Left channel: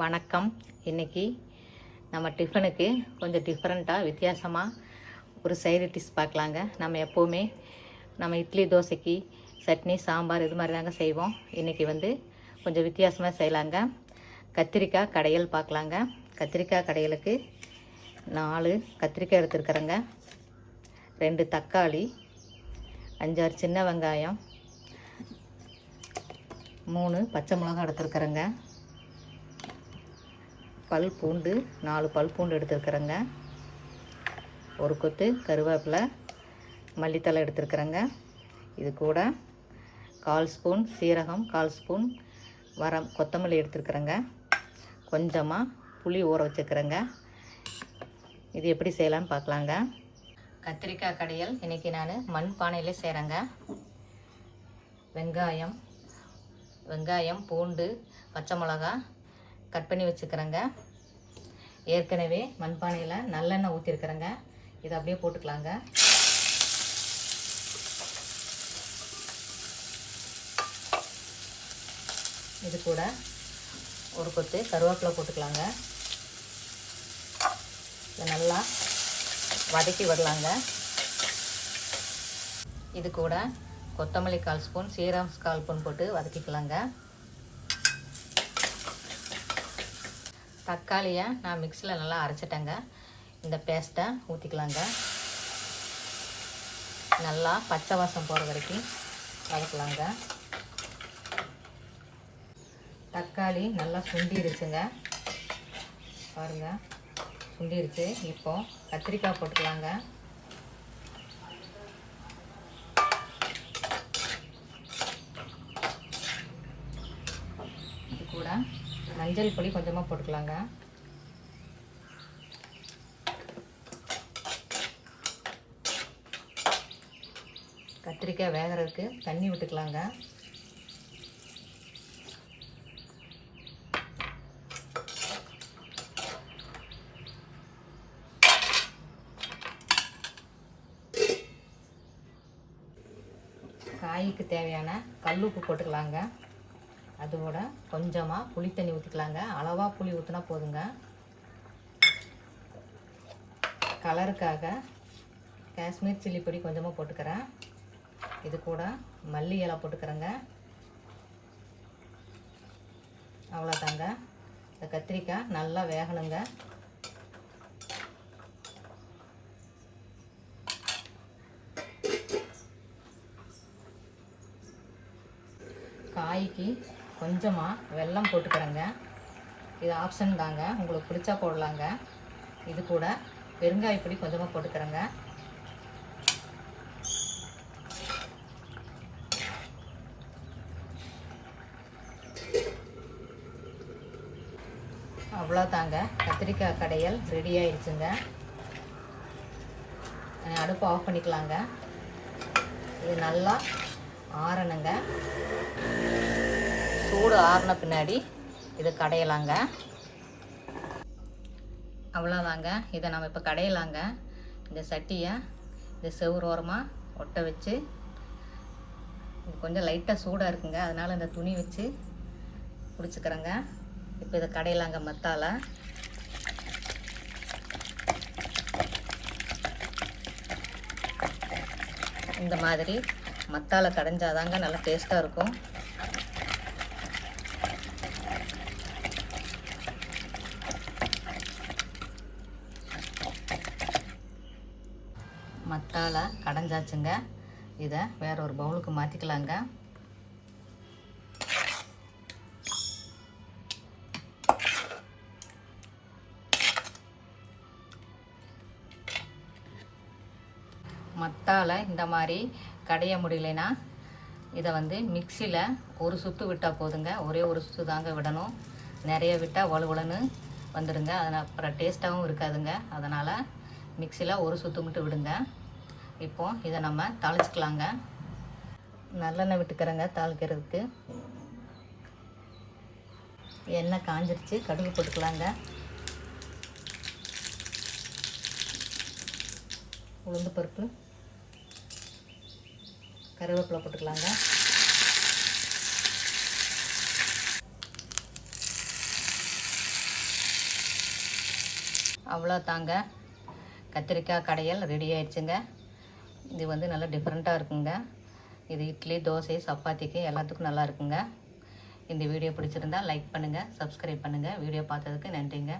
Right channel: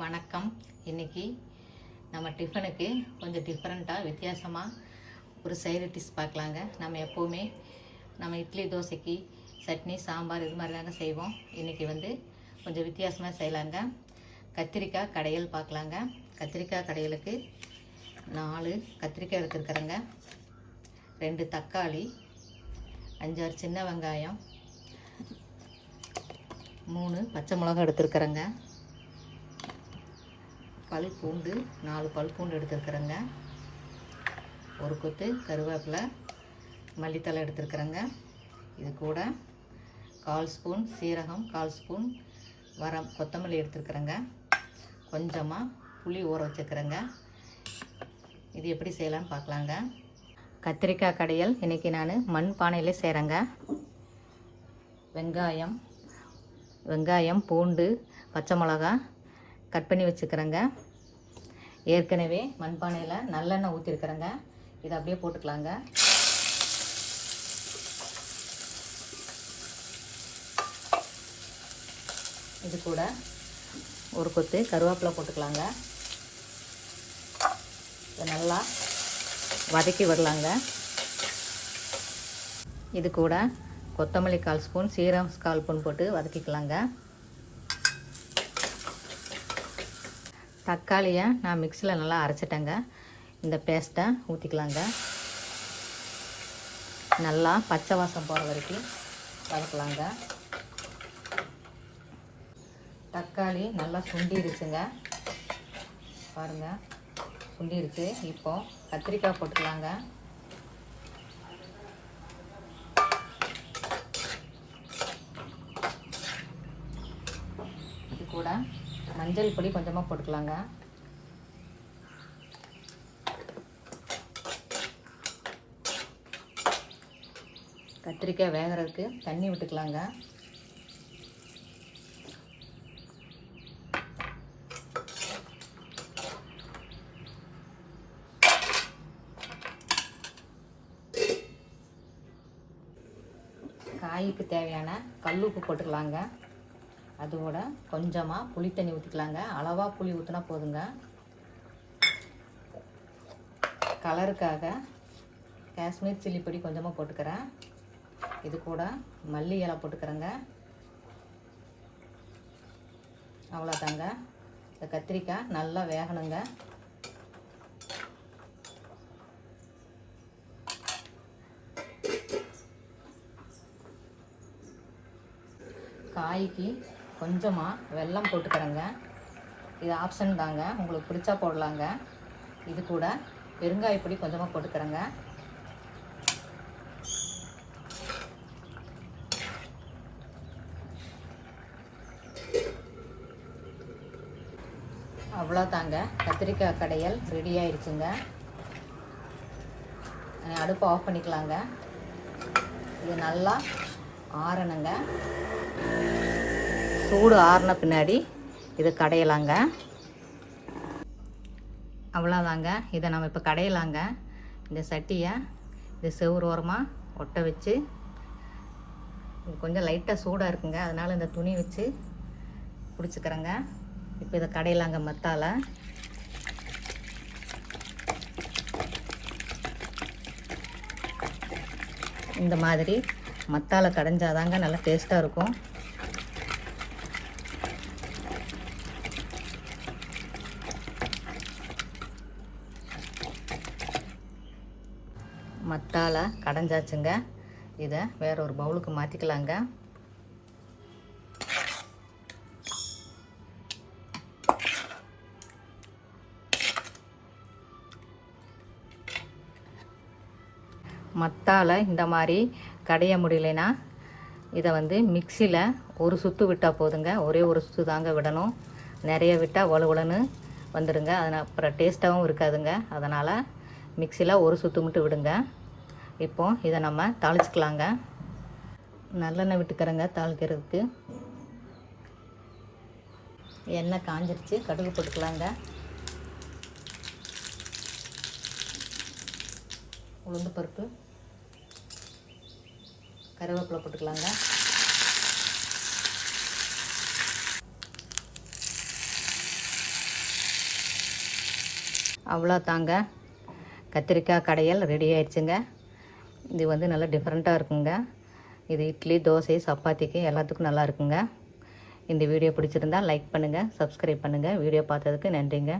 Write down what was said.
வணக்கம். இன்னைக்கு நம்ம டிஃபனுக்கு கொஞ்சம் டிஃப்ரெண்ட்டாக வித்தியாசமாக ஒரு சைடு டிஷ் பார்க்கலாங்க. நம்ம எப்போவுமே நம்ம இட்லி தோசைக்கு சட்னி சாம்பார் இது மாதிரி தாங்க செய்வோம். இன்றைக்கி வந்து கொஞ்சம் வித்தியாசமாக செய்யலாங்க. கத்திரிக்காய் கடையல் பார்க்கலாங்க. கத்திரிக்காய் கடையலுக்கு நாலு கத்திரிக்காய் எடுத்துருக்குறேங்க. ரெண்டு தக்காளி அஞ்சாறு சின்ன வெங்காயம் மூணு பச்சை மிளகா எடுத்துருக்குறேங்க. பல் பூண்டு நாலு பல் பூண்டு எடுத்துருக்குறேங்க. ஒரு கொத்து கருவேப்பிலை மல்லித்தலை எடுத்துருக்குறேங்க. இது கூட கால் ஸ்பூன் சீரகம் கால் ஸ்பூன் வரம் கொத்தமல்லி எடுத்துருக்குறேங்க. கொஞ்சமாக புளி ஊற வச்சுருக்குறேங்க. இது எப்படி செய்யலான்னு பார்க்கலாங்க. கத்திரிக்காய் கடையில் இன்றைக்கி நான் மண் பானையிலே செய்கிறேங்க வெங்காயம் வெங்காயம் பூண்டு பச்சை மிளகா கட் பண்ணி வச்சுக்கிறேங்க. ஏற்கனவே மண்பானையில் நல்லெண்ணெய் ஊற்றிருக்கிறேங்க இதை அப்படியே போட்டுக்கலாங்க. இது கூட ஒரு கொத்து கருவேப்பிலை போட்டுக்கலாங்க. இதை நல்லா வதக்கி விடலாங்க. இது கூட கொத்தமல்லி கால் ஸ்பூன் சீரகம் கால் ஸ்பூன் போட்டு வதக்கிக்கலாங்க. தக்காளியை நான் மிக்சியில் நல்லா அரைச்சிட்டேங்க. இந்த பேஸ்ட்டை ஊற்றிக்கலாங்க நல்லா பச்சை வாசம் போகிற வரைக்கும் வதக்கலாங்க தக்காளி நல்லா சுண்டிடுச்சுங்க. பாருங்கள் சுண்டிடுச்சு. இப்போ கத்திரிக்காய் போட்டுக்கலாங்க. இது கூட மஞ்சள் பொடி கொஞ்சமாக போட்டுக்கலாங்க. கத்திரிக்காய் வேகிறதுக்கு தண்ணி விட்டுக்கலாங்க. காய்க்கு தேவையான கல் உப்பு போட்டுக்கலாங்க. அது கூட கொஞ்சமாக புளி தண்ணி ஊற்றிக்கலாங்க அளவாக புளி ஊற்றினா போதுங்க. கலருக்காக காஷ்மீர் சில்லி பொடி கொஞ்சமாக போட்டுக்கிறேன். இது கூட மல்லி இலை போட்டுக்கிறேங்க. அவ்வளோதாங்க இந்த கத்திரிக்காய் நல்லா வேகணுங்க. காய்க்கு கொஞ்சமாக வெல்லம் போட்டுக்கிறேங்க. இது ஆப்ஷன் தாங்க. உங்களுக்கு பிடிச்சா போடலாங்க. இது கூட பெருங்காய பொடி கொஞ்சமாக போட்டுக்கிறேங்க. அவ்வளோ தாங்க கத்திரிக்காய் கடையல் ரெடி ஆயிடுச்சுங்க. அடுப்பை ஆஃப் பண்ணிக்கலாங்க. இது நல்லா ஆறணுங்க. சூடு ஆறின பின்னாடி இது கடையலாங்க. அவ்வளோதாங்க இதை நம்ம இப்போ கடையலாங்க. இந்த சட்டியை இது செவ்வறு ஓரமாக ஒட்ட வச்சு கொஞ்சம் லைட்டாக சூடாக இருக்குங்க. அதனால் இந்த துணி வச்சு பிடிச்சிக்கிறேங்க இப்போ இதை கடையலாங்க மத்தால. இந்த மாதிரி மத்தால கடைஞ்சாதாங்க நல்லா டேஸ்ட்டாக இருக்கும். மத்தால இதை வேற ஒரு பவுலுக்கு மாற்றிக்கலாங்க மத்தால இந்த மாதிரி கடைய முடியலைன்னா இதை வந்து மிக்சியில் ஒரு சுத்து விட்டால் போதுங்க. ஒரே ஒரு சுத்து தாங்க விடணும். நிறைய விட்டால் உலன்னு வந்துடுங்க அதனால் அப்புறம் டேஸ்ட்டாகவும் இருக்காதுங்க. அதனால் மிக்சியில் ஒரு சுத்து மட்டும் விடுங்க. இப்போ இதை நம்ம தாளிச்சிக்கலாங்க. நல்லெண்ணெய் விட்டுக்கிறேங்க தாளிக்கிறதுக்கு. எண்ணெய் காஞ்சிருச்சு கடுகு போட்டுக்கலாங்க. உளுந்து பருப்பு கருவேப்பிலை போட்டுக்கலாங்க. அவ்வளோ தாங்க கத்திரிக்காய் கடையல் ரெடி ஆயிடுச்சுங்க. இது வந்து நல்லா டிஃப்ரெண்ட்டாக இருக்குங்க. இது இட்லி தோசை சப்பாத்திக்கு எல்லாத்துக்கும் நல்லா இருக்குங்க. இந்த வீடியோ பிடிச்சிருந்தா லைக் பண்ணுங்கள் சப்ஸ்கிரைப் பண்ணுங்கள் வீடியோ பார்த்ததுக்கு நன்றிங்க.